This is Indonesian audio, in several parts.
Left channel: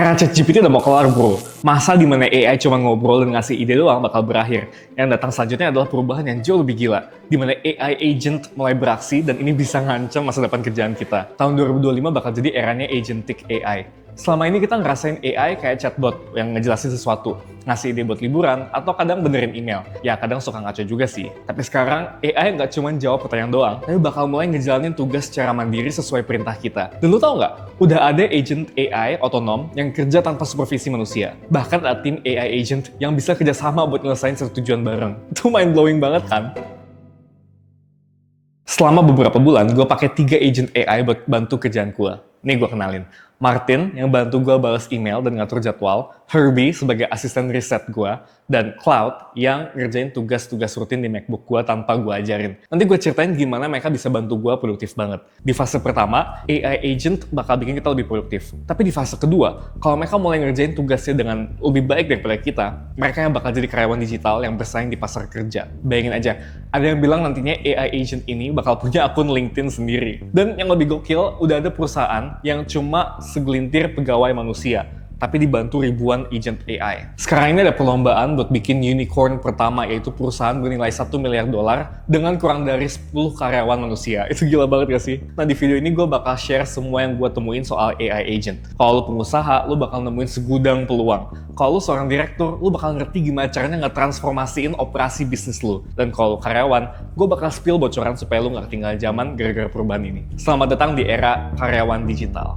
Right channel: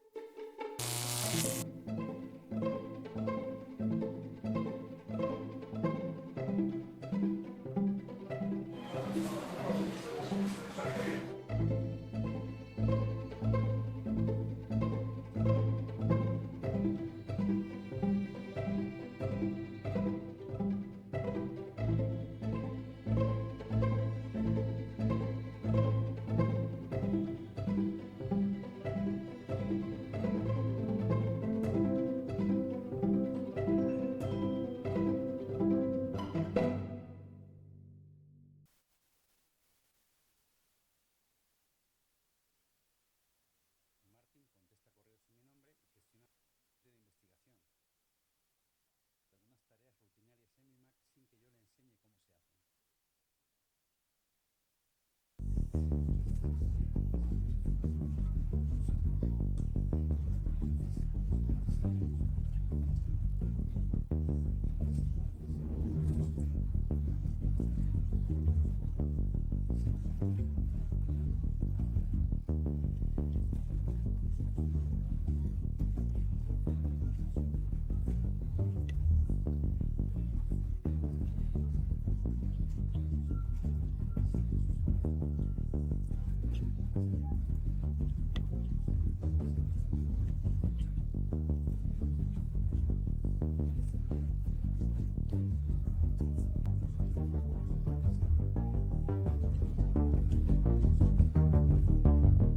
Era ChatGPT udah mau kelar bro. Masa dimana AI cuma ngobrol dan ngasih ide doang bakal berakhir. Yang datang selanjutnya adalah perubahan yang jauh lebih gila. Dimana AI agent mulai beraksi dan ini bisa ngancam masa depan kerjaan kita. Tahun 2025 bakal jadi eranya agentic AI. Selama ini kita ngerasain AI kayak chatbot yang ngejelasin sesuatu, ngasih ide buat liburan, atau kadang benerin email. Ya kadang suka ngaco juga sih. Tapi sekarang AI nggak cuma jawab pertanyaan doang, tapi bakal mulai ngejalanin tugas secara mandiri sesuai perintah kita. Dan lu tau nggak? Udah ada agent AI otonom yang kerja tanpa supervisi manusia. Bahkan ada tim AI agent yang bisa kerjasama buat nyelesain satu tujuan bareng. Itu mind blowing banget kan? Selama beberapa bulan, gue pakai 3 agent AI buat bantu kerjaan gue. Nih gue kenalin. Martin yang bantu gue balas email dan ngatur jadwal, Herbie sebagai asisten riset gue, dan Cloud yang ngerjain tugas-tugas rutin di MacBook gue tanpa gue ajarin. Nanti gue ceritain gimana mereka bisa bantu gue produktif banget. Di fase pertama, AI agent bakal bikin kita lebih produktif. Tapi di fase kedua, kalau mereka mulai ngerjain tugasnya dengan lebih baik daripada kita, mereka yang bakal jadi karyawan digital yang bersaing di pasar kerja. Bayangin aja, ada yang bilang nantinya AI agent ini bakal punya akun LinkedIn sendiri. Dan yang lebih gokil, udah ada perusahaan yang cuma segelintir pegawai manusia, tapi dibantu ribuan agent AI. Sekarang ini ada perlombaan buat bikin unicorn pertama, yaitu perusahaan bernilai $1 miliar dengan kurang dari 10 karyawan manusia. Itu gila banget gak sih? Nah di video ini gue bakal share semua yang gue temuin soal AI agent. Kalau lu pengusaha, lu bakal nemuin segudang peluang. Kalau lu seorang direktur, lu bakal ngerti gimana caranya ngetransformasiin operasi bisnis lu. Dan kalau lu karyawan, gue bakal spill bocoran supaya lu gak ketinggalan zaman gara-gara perubahan ini. Selamat datang di era karyawan digital.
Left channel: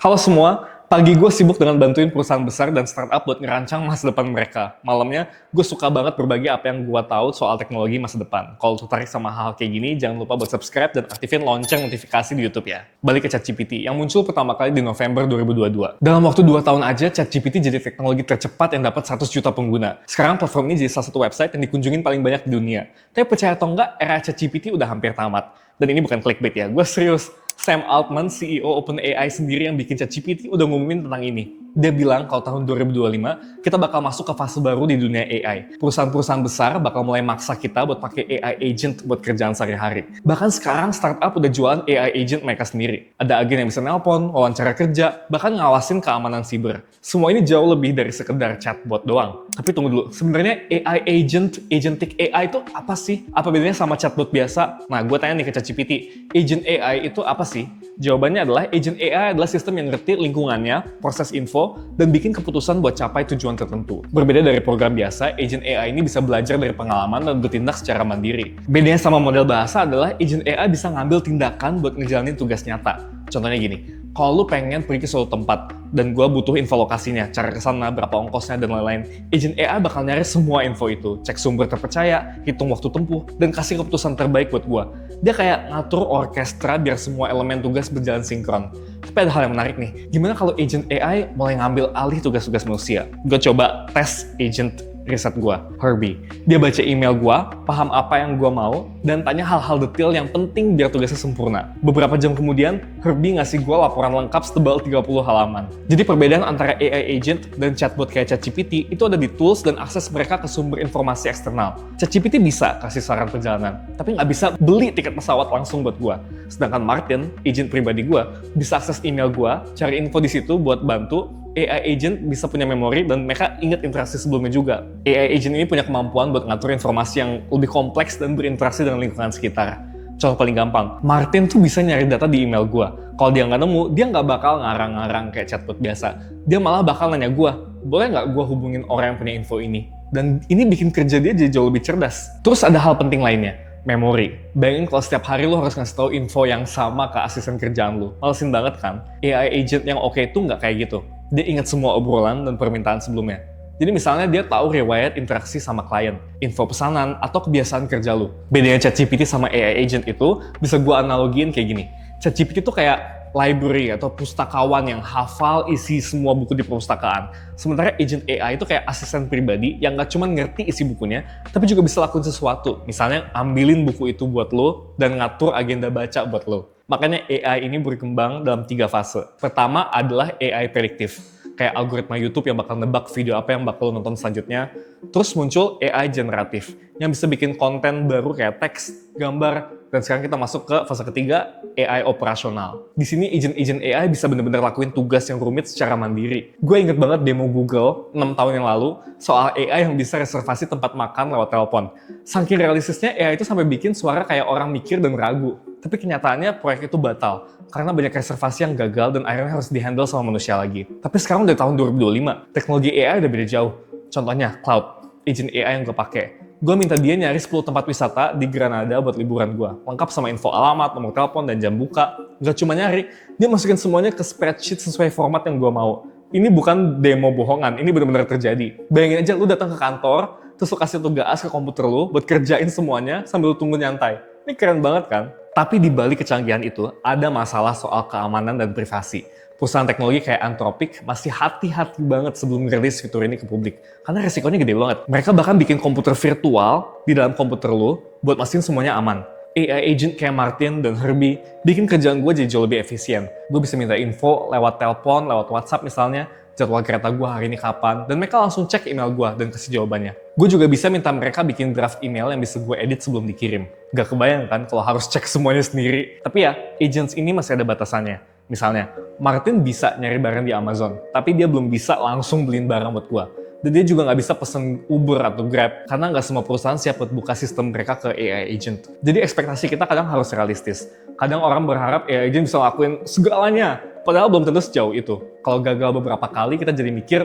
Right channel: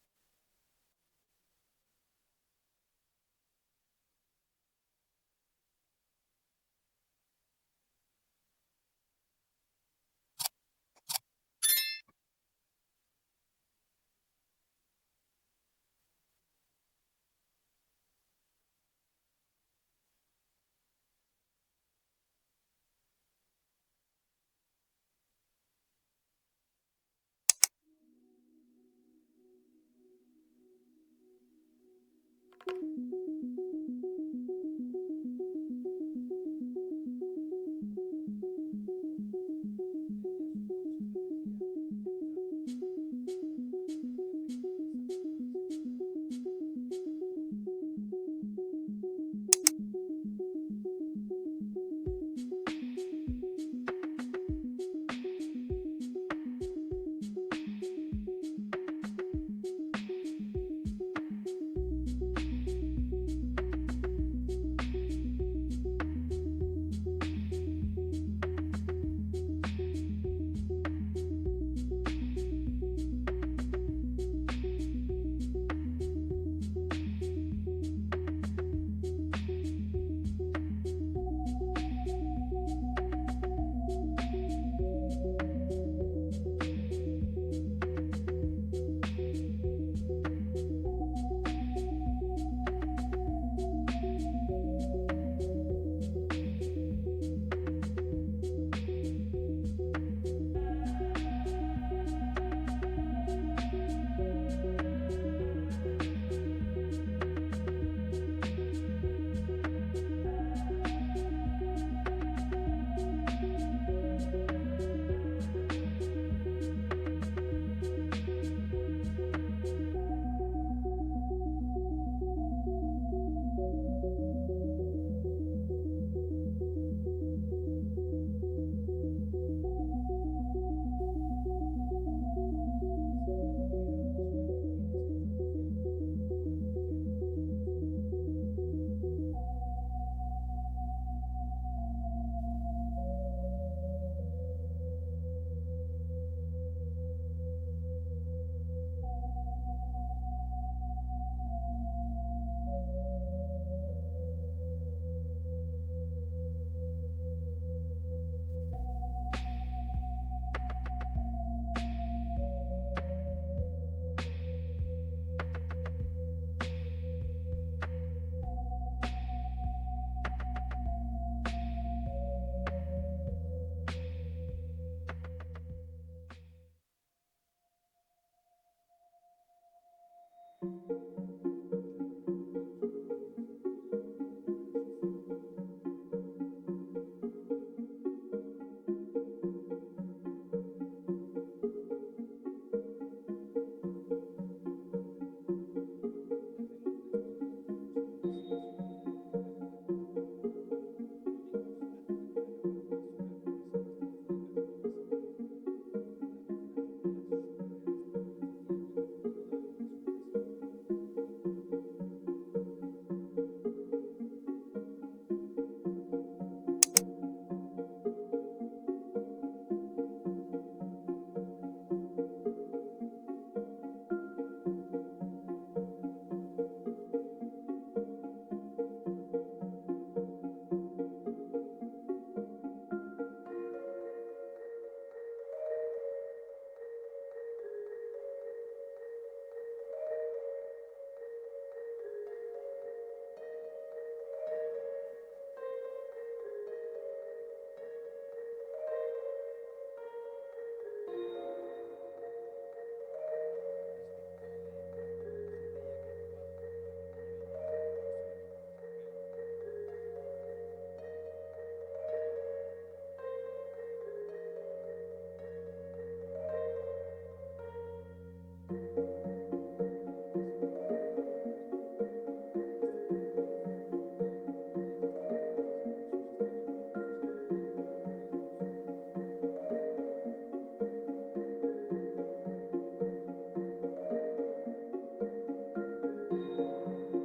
Halo semua, pagi gue sibuk dengan bantuin perusahaan besar dan startup buat ngerancang masa depan mereka. Malamnya, gue suka banget berbagi apa yang gue tahu soal teknologi masa depan. Kalau tertarik sama hal kayak gini, jangan lupa buat subscribe dan aktifin lonceng notifikasi di YouTube ya. Balik ke ChatGPT, yang muncul pertama kali di November 2022. Dalam waktu 2 tahun aja, ChatGPT jadi teknologi tercepat yang dapat 100 juta pengguna. Sekarang platform ini jadi salah satu website yang dikunjungin paling banyak di dunia. Tapi percaya atau enggak, era ChatGPT udah hampir tamat. Dan ini bukan clickbait ya, gue serius. Sam Altman, CEO OpenAI sendiri yang bikin ChatGPT udah ngumumin tentang ini. Dia bilang kalau tahun 2025 kita bakal masuk ke fase baru di dunia AI. Perusahaan-perusahaan besar bakal mulai maksa kita buat pakai AI agent buat kerjaan sehari-hari. Bahkan sekarang startup udah jualan AI agent mereka sendiri. Ada agen yang bisa nelpon, wawancara kerja, bahkan ngawasin keamanan siber. Semua ini jauh lebih dari sekedar chatbot doang. Tapi tunggu dulu, sebenarnya AI agent, agentic AI itu apa sih? Apa bedanya sama chatbot biasa? Nah, gue tanya nih ke ChatGPT, agent AI itu apa sih? Jawabannya adalah agent AI adalah sistem yang ngerti lingkungannya, proses info, dan bikin keputusan buat capai tujuan tertentu. Berbeda dari program biasa, agent AI ini bisa belajar dari pengalaman dan bertindak secara mandiri. Bedanya sama model bahasa adalah agent AI bisa ngambil tindakan buat ngejalanin tugas nyata. Contohnya gini, kalau lu pengen pergi ke suatu tempat, dan gue butuh info lokasinya, cara kesana, berapa ongkosnya, dan lain-lain, agent AI bakal nyari semua info itu, cek sumber terpercaya, hitung waktu tempuh, dan kasih keputusan terbaik buat gue. Dia kayak ngatur orkestra biar semua elemen tugas berjalan sinkron. Tapi ada hal yang menarik nih, gimana kalau agent AI mulai ngambil alih tugas-tugas manusia? Gue coba tes agent riset gue, Herbie. Dia baca email gue, paham apa yang gue mau, dan tanya hal-hal detail yang penting biar tugasnya sempurna. Beberapa jam kemudian, Herbie ngasih gue laporan lengkap setebal 30 halaman. Jadi perbedaan antara AI agent dan chatbot kayak ChatGPT itu ada di tools dan akses mereka ke sumber informasi eksternal. ChatGPT bisa kasih saran perjalanan, tapi nggak bisa beli tiket pesawat langsung buat gue. Sedangkan Martin, agent pribadi gue, bisa akses email gue, cari info di situ buat bantu. AI agent bisa punya memori dan mereka ingat interaksi sebelumnya juga. AI agent ini punya kemampuan buat ngatur informasi yang lebih kompleks dan berinteraksi dengan lingkungan sekitar. Contoh paling gampang, Martin tuh bisa nyari data di email gue. Kalau dia nggak nemu, dia nggak bakal ngarang-ngarang kayak chatbot biasa. Dia malah bakal nanya gue, boleh nggak gue hubungin orang yang punya info ini? Dan ini bikin kerja dia jadi jauh lebih cerdas. Terus ada hal penting lainnya, memori. Bayangin kalau setiap hari lo harus ngasih tahu info yang sama ke asisten kerjaan lo. Malesin banget kan? AI agent yang oke itu nggak kayak gitu. Dia ingat semua obrolan dan permintaan sebelumnya. Jadi misalnya dia tahu riwayat interaksi sama klien, info pesanan, atau kebiasaan kerja lu. Bedanya ChatGPT sama AI agent itu bisa gue analogiin kayak gini. ChatGPT itu kayak library atau pustakawan yang hafal isi semua buku di perpustakaan. Sementara agent AI itu kayak asisten pribadi yang nggak cuma ngerti isi bukunya, tapi juga bisa lakuin sesuatu. Misalnya ambilin buku itu buat lo dan ngatur agenda baca buat lo. Makanya AI ini berkembang dalam 3 fase. Pertama adalah AI prediktif. kayak algoritma YouTube yang bakal nebak video apa yang bakal lo nonton selanjutnya. Terus muncul AI generatif yang bisa bikin konten baru kayak teks, gambar, dan sekarang kita masuk ke fase ketiga, AI operasional. Di sini agent AI bisa benar-benar lakuin tugas yang rumit secara mandiri. Gue inget banget demo Google 6 tahun yang lalu soal AI yang bisa reservasi tempat makan lewat telepon. Saking realistisnya AI itu sampai bikin suara kayak orang mikir dan ragu. Tapi kenyataannya proyek itu batal karena banyak reservasi yang gagal dan akhirnya harus dihandle sama manusia lagi. Tapi sekarang udah tahun 2025, teknologi AI udah beda jauh. Contohnya Cloud, agent AI yang gue pakai. Gue minta dia nyari 10 tempat wisata di Granada buat liburan gue. Lengkap sama info alamat, nomor telepon, dan jam buka. Gak cuma nyari, dia masukin semuanya ke spreadsheet sesuai format yang gue mau. Ini bukan demo bohongan, ini benar-benar terjadi. Bayangin aja lu datang ke kantor, terus lu kasih tugas ke komputer lu buat kerjain semuanya sambil lu tunggu nyantai. Ini keren banget kan? Tapi di balik kecanggihan itu, ada masalah soal keamanan dan privasi. Perusahaan teknologi kayak Anthropic masih hati-hati banget sebelum rilis fitur ini ke publik. Karena resikonya gede banget. Mereka bahkan bikin komputer virtual di dalam komputer lo buat mastiin semuanya aman. AI agent kayak Martin dan Herbie bikin kerjaan gue jadi jauh lebih efisien. Gue bisa minta info lewat telepon, lewat WhatsApp misalnya, jadwal kereta gue hari ini kapan, dan mereka langsung cek email gue dan kasih jawabannya. Gue juga bisa minta mereka bikin draft email yang bisa gue edit sebelum dikirim. Gak kebayang kan kalau harus cek semuanya sendiri. Tapi ya, agents ini masih ada batasannya. Misalnya, Martin bisa nyari barang di Amazon, tapi dia belum bisa langsung beliin barang buat gue. Dan dia juga nggak bisa pesen Uber atau Grab, karena nggak semua perusahaan siap buat buka sistem mereka ke AI agent. Jadi ekspektasi kita kadang harus realistis. Kadang orang berharap AI agent bisa ngelakuin segalanya, padahal belum tentu sejauh itu. Kalau gagal beberapa kali, kita jadi mikir,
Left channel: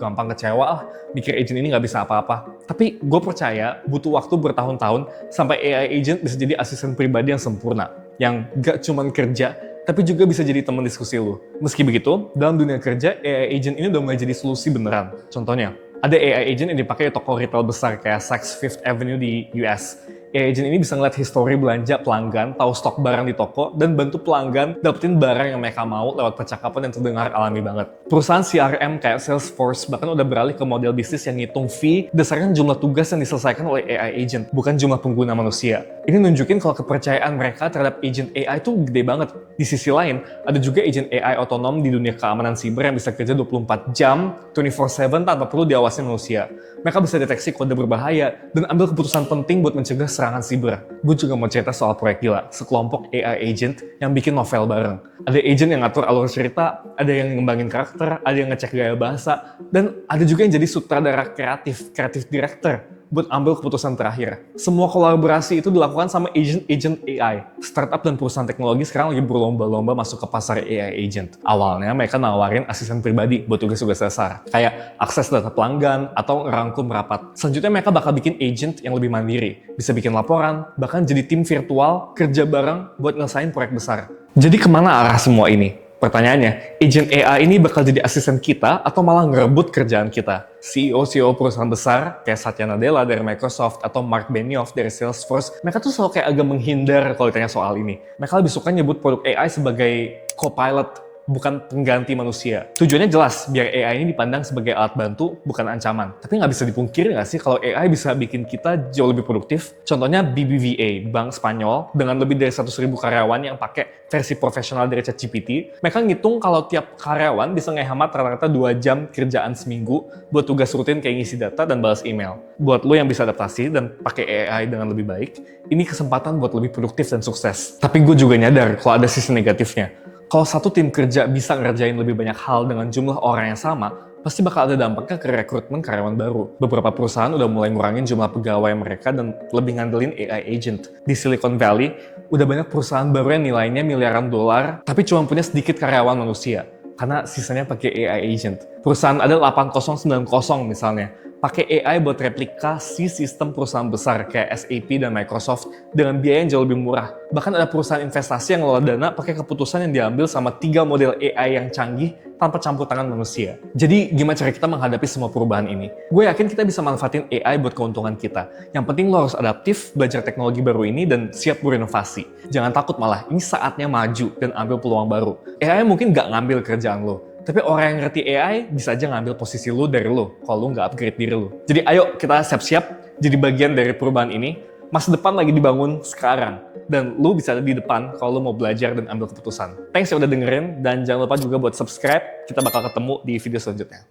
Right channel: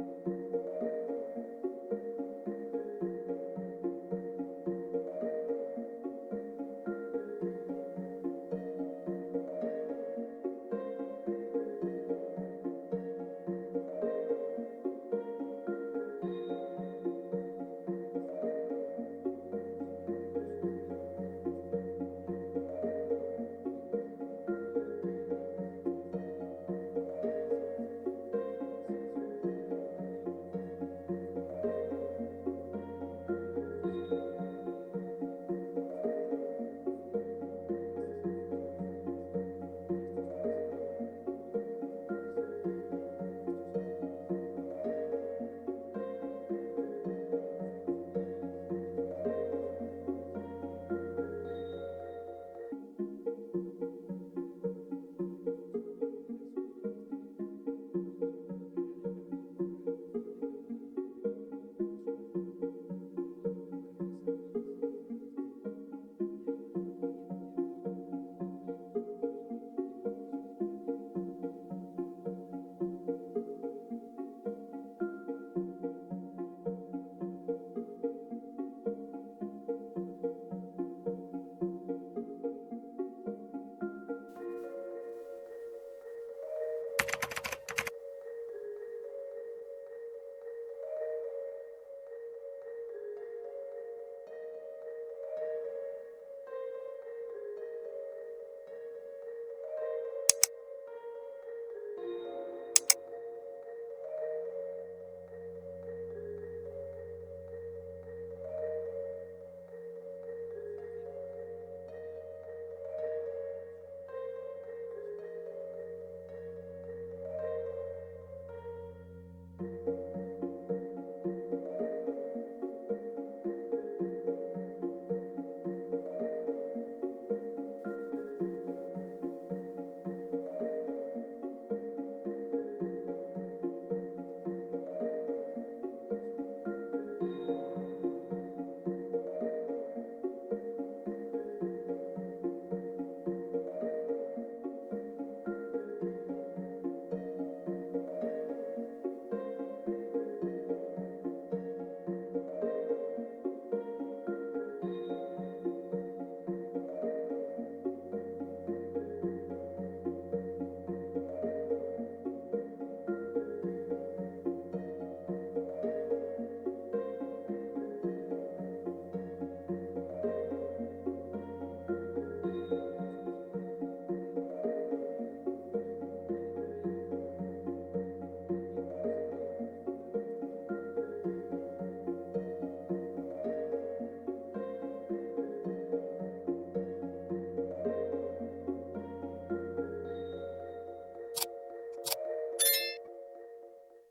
gampang kecewa mikir agent ini nggak bisa apa-apa. Tapi gue percaya butuh waktu bertahun-tahun sampai AI agent bisa jadi asisten pribadi yang sempurna, yang nggak cuman kerja, tapi juga bisa jadi teman diskusi lu. Meski begitu, dalam dunia kerja, AI agent ini udah mulai jadi solusi beneran. Contohnya, ada AI agent yang dipakai di toko retail besar kayak Saks Fifth Avenue di US. AI agent ini bisa ngeliat histori belanja pelanggan, tahu stok barang di toko, dan bantu pelanggan dapetin barang yang mereka mau lewat percakapan yang terdengar alami banget. Perusahaan CRM kayak Salesforce bahkan udah beralih ke model bisnis yang ngitung fee berdasarkan jumlah tugas yang diselesaikan oleh AI agent, bukan jumlah pengguna manusia. Ini nunjukin kalau kepercayaan mereka terhadap agent AI itu gede banget. Di sisi lain, ada juga agent AI otonom di dunia keamanan siber yang bisa kerja 24 jam, 24/7 tanpa perlu diawasi manusia. Mereka bisa deteksi kode berbahaya dan ambil keputusan penting buat mencegah serangan siber. Gue juga mau cerita soal proyek gila, sekelompok AI agent yang bikin novel bareng. Ada agent yang ngatur alur cerita, ada yang ngembangin karakter, ada yang ngecek gaya bahasa, dan ada juga yang jadi sutradara kreatif director buat ambil keputusan terakhir. Semua kolaborasi itu dilakukan sama agent AI. Startup dan perusahaan teknologi sekarang lagi berlomba-lomba masuk ke pasar AI agent. Awalnya mereka nawarin asisten pribadi buat tugas-tugas dasar, kayak akses data pelanggan atau ngerangkum rapat. Selanjutnya mereka bakal bikin agent yang lebih mandiri, bisa bikin laporan, bahkan jadi tim virtual kerja bareng buat ngelesain proyek besar. Jadi kemana arah semua ini? Pertanyaannya, agent AI ini bakal jadi asisten kita atau malah ngerebut kerjaan kita? CEO perusahaan besar kayak Satya Nadella dari Microsoft atau Mark Benioff dari Salesforce, mereka tuh selalu kayak agak menghindar kalau ditanya soal ini. Mereka lebih suka nyebut produk AI sebagai co-pilot, bukan pengganti manusia. Tujuannya jelas, biar AI ini dipandang sebagai alat bantu, bukan ancaman. Tapi nggak bisa dipungkiri nggak sih kalau AI bisa bikin kita jauh lebih produktif? Contohnya BBVA, bank Spanyol, dengan lebih dari 100.000 karyawan yang pakai versi profesional dari ChatGPT, mereka ngitung kalau tiap karyawan bisa ngehemat rata-rata 2 jam kerjaan seminggu buat tugas rutin kayak ngisi data dan balas email. Buat lo yang bisa adaptasi dan pakai AI dengan lebih baik, ini kesempatan buat lebih produktif dan sukses. Tapi gue juga nyadar kalau ada sisi negatifnya. Kalau satu tim kerja bisa ngerjain lebih banyak hal dengan jumlah orang yang sama, pasti bakal ada dampaknya ke rekrutmen karyawan baru. Beberapa perusahaan udah mulai ngurangin jumlah pegawai mereka dan lebih ngandelin AI agent. Di Silicon Valley, udah banyak perusahaan baru yang nilainya miliaran dolar, tapi cuma punya sedikit karyawan manusia. Karena sisanya pakai AI agent. Perusahaan ada 8090 misalnya, pakai AI buat replikasi sistem perusahaan besar kayak SAP dan Microsoft dengan biaya yang jauh lebih murah. Bahkan ada perusahaan investasi yang ngelola dana pakai keputusan yang diambil sama 3 model AI yang canggih tanpa campur tangan manusia. Jadi gimana cara kita menghadapi semua perubahan ini? Gue yakin kita bisa manfaatin AI buat keuntungan kita. Yang penting lo harus adaptif, belajar teknologi baru ini, dan siap berinovasi. Jangan takut malah, ini saatnya maju dan ambil peluang baru. AI mungkin nggak ngambil kerjaan lo, tapi orang yang ngerti AI bisa aja ngambil posisi lo dari lo kalau lo nggak upgrade diri lo. Jadi ayo kita siap-siap jadi bagian dari perubahan ini. masa depan lagi dibangun sekarang. Dan lu bisa ada di depan kalau lu mau belajar dan ambil keputusan. Thanks ya udah dengerin, dan jangan lupa juga buat subscribe. Kita bakal ketemu di video selanjutnya.